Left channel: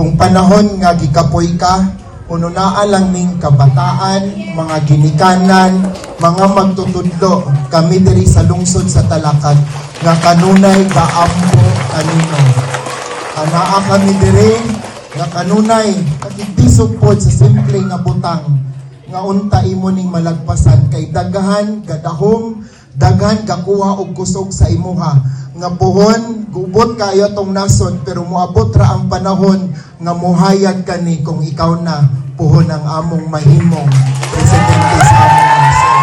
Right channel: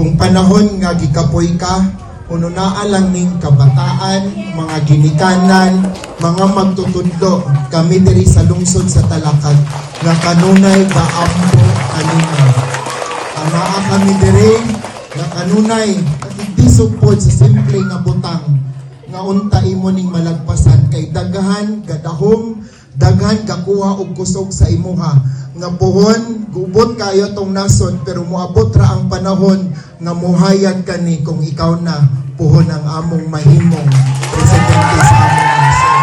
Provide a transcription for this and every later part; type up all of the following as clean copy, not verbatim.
Kung panahon nga gikapoy ka, ununaa lang ning kabataan, mga ginikanan, mga magtutudlo, kami diri sa lungsod sa Talakad, nga kanunay gaampo kanina. Anaa kami diri, nga kanunay, nakikisog po sa simple nga butang, nga unta imo ning malagpasan, kay daghan, gadahom, daghan kakuha og kusog sa imuha, nga puhon, gubot kayo tong nasod, pero muabot ra ang panahon nga muhayag kani kung ikaw na puhon ang among mahimong presidente sa among nasod.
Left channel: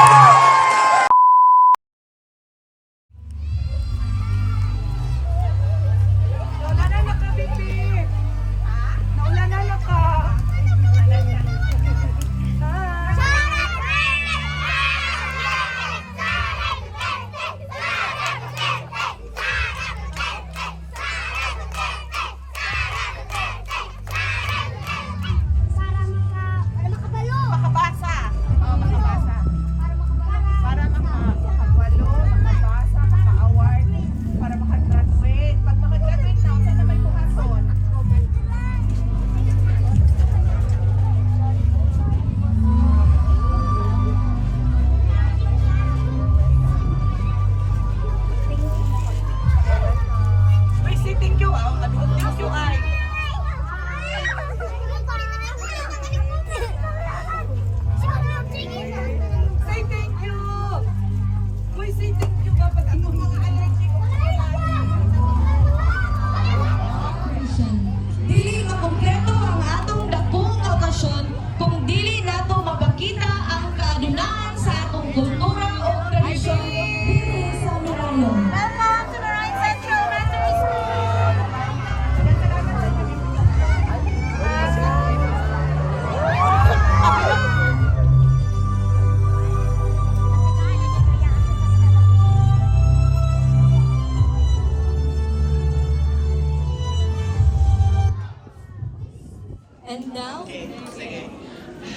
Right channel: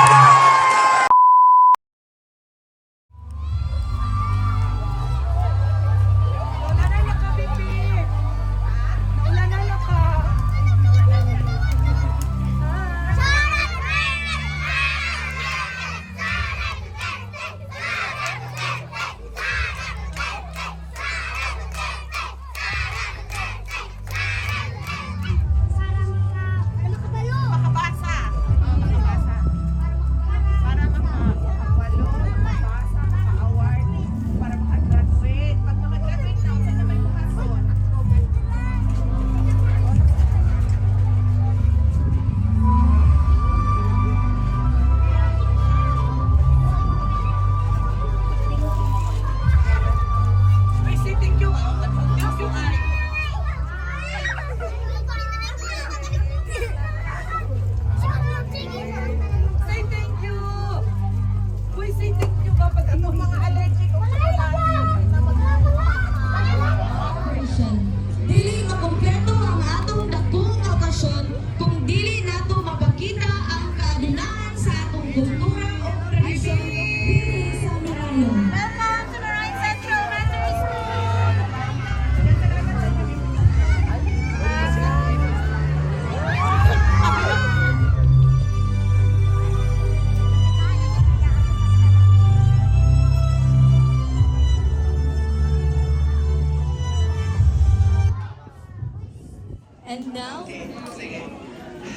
And now, Happy birthday to you.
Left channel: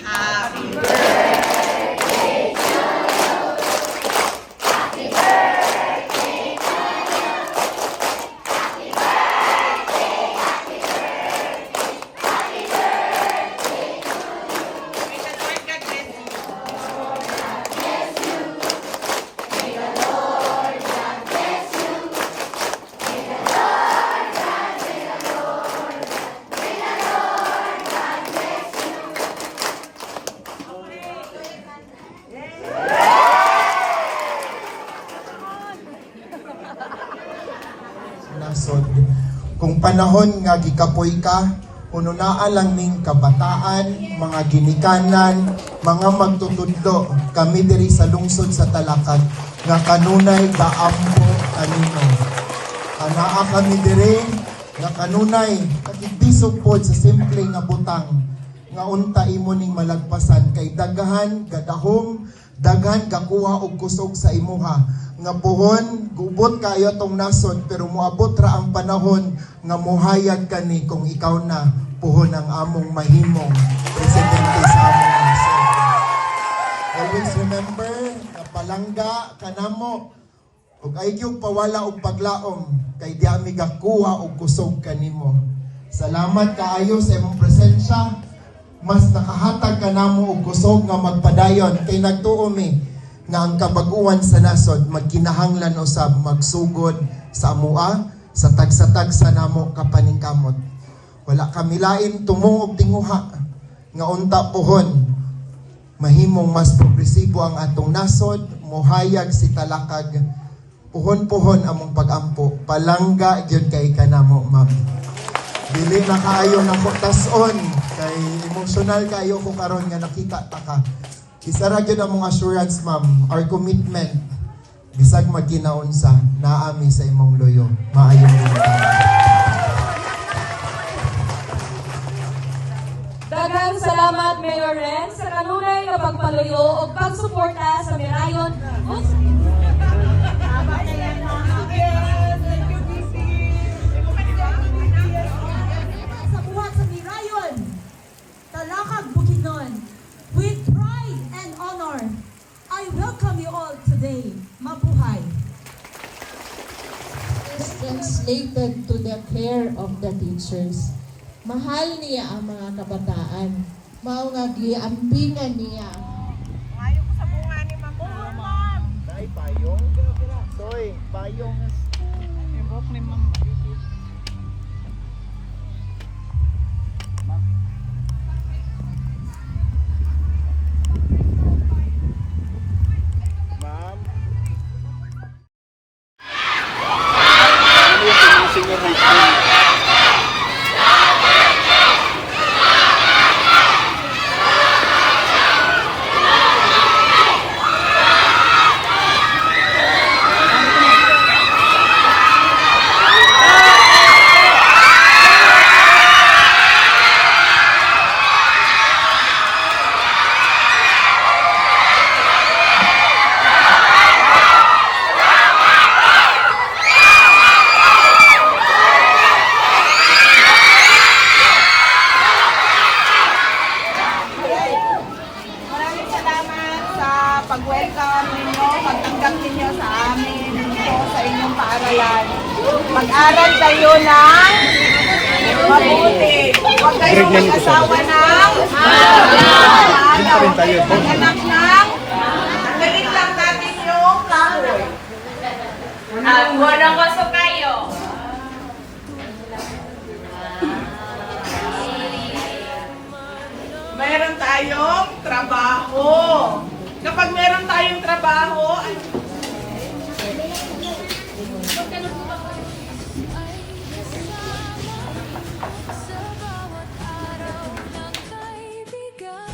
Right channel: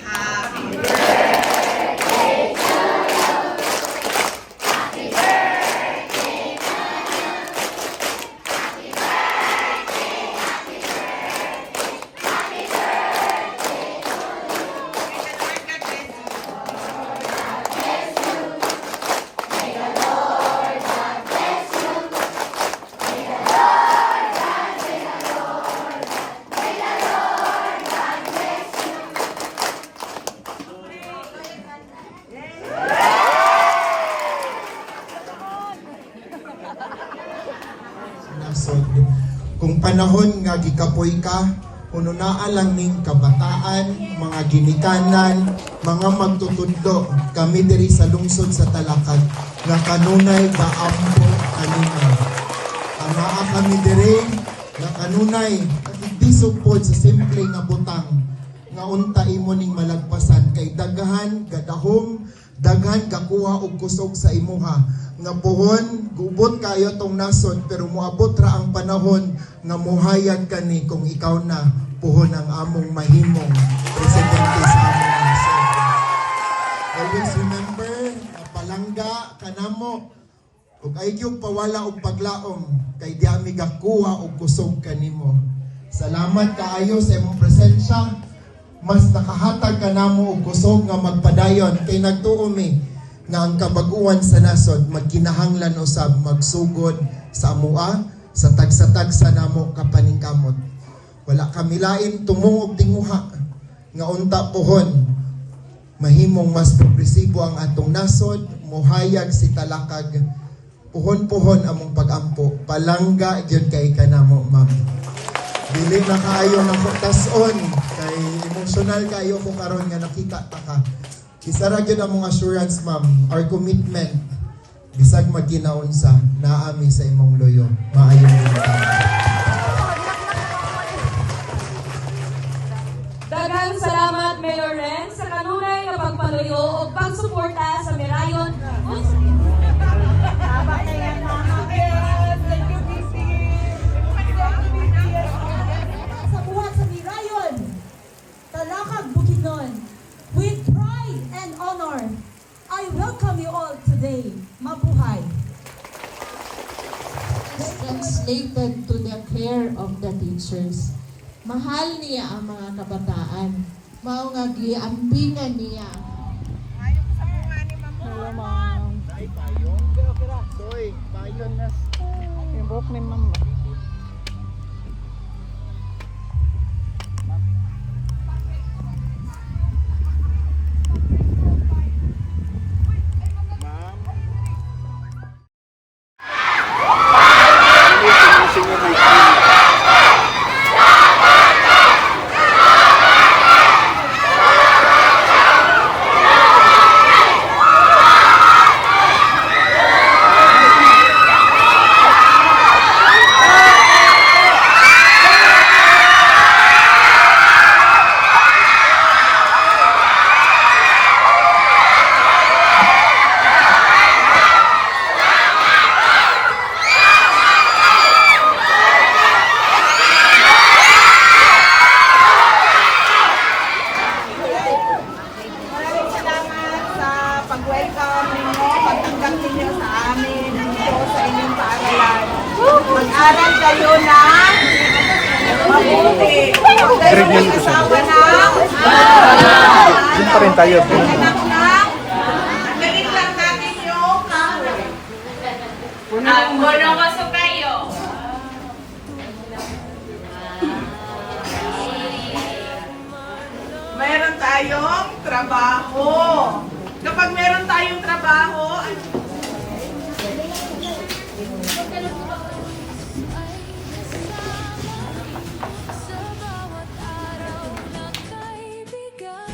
Happy birthday to you. Happy birthday, happy birthday, happy birthday to you. May the Lord God bless you. May the Lord God bless you. May the Lord God, may the Lord God, may the Lord God bless you. Nasod. Kung panahon nga gikapoy ka, ununaa lang ning kabataan, mga ginikanan, mga magtutudlo, kami diri sa lungsod sa Talakad, nga kanunay gaampo kanina. Anaa kami diri, nga kanunay, nakikisog po sa simple nga butang, nga unta imo ning malagpasan, kay daghan, gadahom, daghan kakuha og kusog sa imuha, nga puhon, gubot kayo tong nasod, pero muabot ra ang panahon nga muhayag kani kung ikaw na puhon ang among mahimong presidente sa among nasod. Always remember, na palangga kanamo, ug aygyug pawala og paglaom, kay di ami gakuha og kusog kanimo. Salamat kaayo sa imong presensya, mas nakahatag kanamo og kusog nga magpadayon, kay nagtuo mi nga ang kabaguan sa nasod magkinahanglan usab magsugod sa amua sa tagsa-tagsa namo kapaningkamot. Wala kami lain tumong og tinguha nga unta pohon mahimong mas progresibo ang atong nasod, muhayag si Talakag, puhon-puhon among pagampo, palangga gyud kay kanamo, ma'am. Dili na kaayo na ko tason, kay emotional kayo ko karon nga nakita ta ka. Isa ra gyud among assurance, ma'am, our commitment bisag magkinaunsa naami sa imong loyo. Maayong buhay. daghang salamat Mayor Ren sa kanunay nga pagpaluyo o pagsuporta sa Mirayon. Sa buhat sa Mirayon, Talakag, Bukidnon, with pride and honor, I welcome you all today. Mabuhay. Is translated to the care of the teachers. Mahal niya ang mga kabataan. Mao nga giampingan niya. Ayaw ko sa bunga ni Mamuhon, ma'am. Nay, payong. Soy, payong na. Yung buhok ni Ma'am. Ma'am. Maraming salamat sa pag-welcome ninyo, pagtanggap ninyo sa amin dito sa inyong paaralan. Mag-aral kayo ng mabuti. Huwag kayong mag-asawa ng mag-anak ng naging lang natin yung kahoy. Gunong waso kayo. Mayroon tayong trabaho. Kapag meron tayong trabaho, Sa bawat araw ng kaibigan,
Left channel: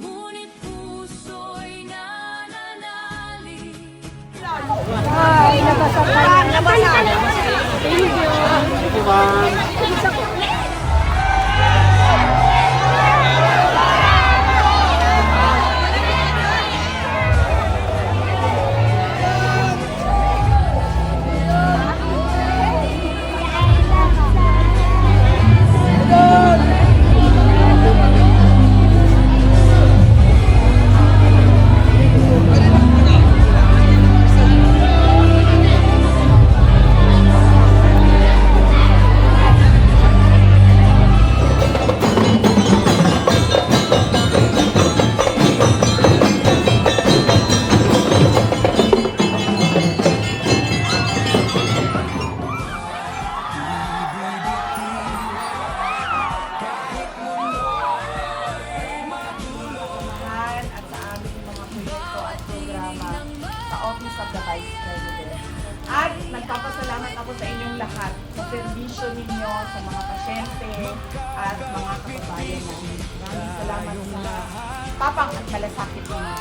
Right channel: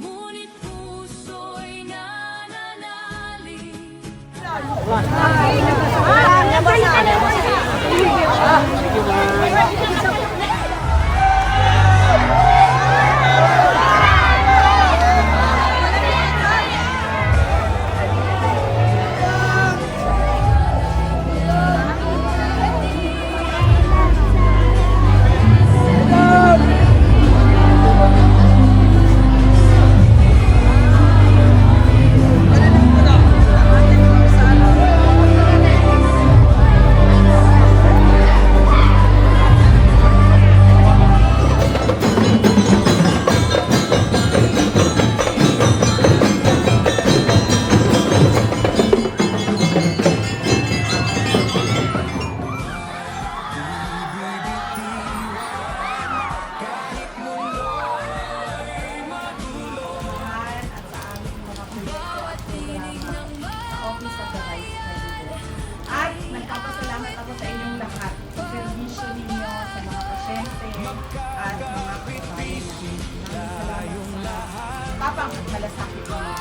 ngunit puso'y nananalig. at sa aming mga proyekto at programa sa Office of the Vice President. At nagpapasalamat ako sa inyong lahat sa servisyo ninyo sa mga pasyente at mga kababayan namin. Maraming salamat sa tapang at malasakit ninyo.